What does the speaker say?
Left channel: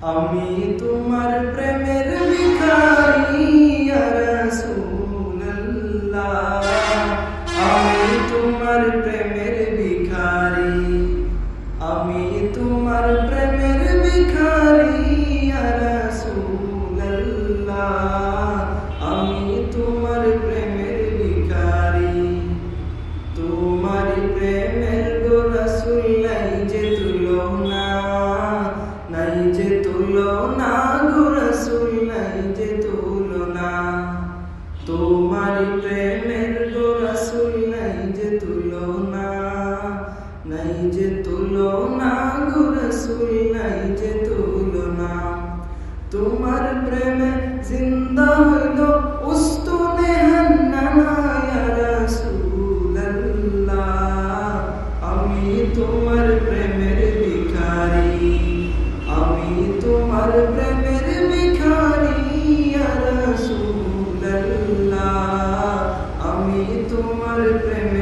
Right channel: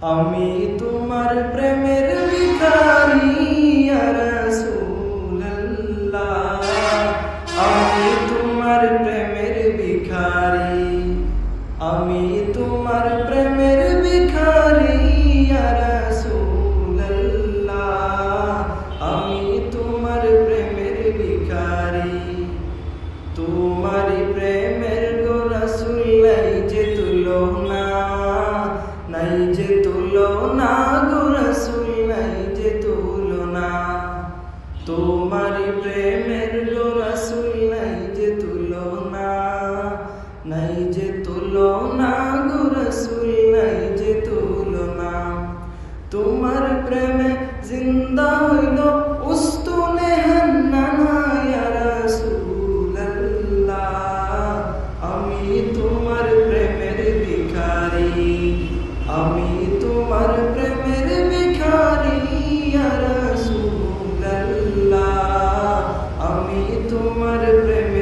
আমি তোমার প্রেমের ভিখারি ইয়া রাসূলুল্লাহ, আমি তোমার প্রেমের ভিখারি, আমি তোমার প্রেমের ভিখারি ইয়া রাসূলুল্লাহ, আমি তোমার প্রেমের ভিখারি। তোমারি প্রেমের গো রাসূল নাই যে তুলনা, নাই যে তুলনা গো রাসূল নাই যে তুলনা। তোমারি প্রেমের গো রাসূল নাই যে তুলনা, নাই যে তুলনা গো রাসূল নাই যে তুলনা। তোমার প্রেমে জিন্দা হইল উস্তুনে হান্নানা ইয়া রাসূলুল্লাহ, আমি তোমার প্রেমের ভিখারি, আমি তোমার প্রেমের ভিখারি ইয়া রাসূলুল্লাহ, আমি তোমার প্রেমের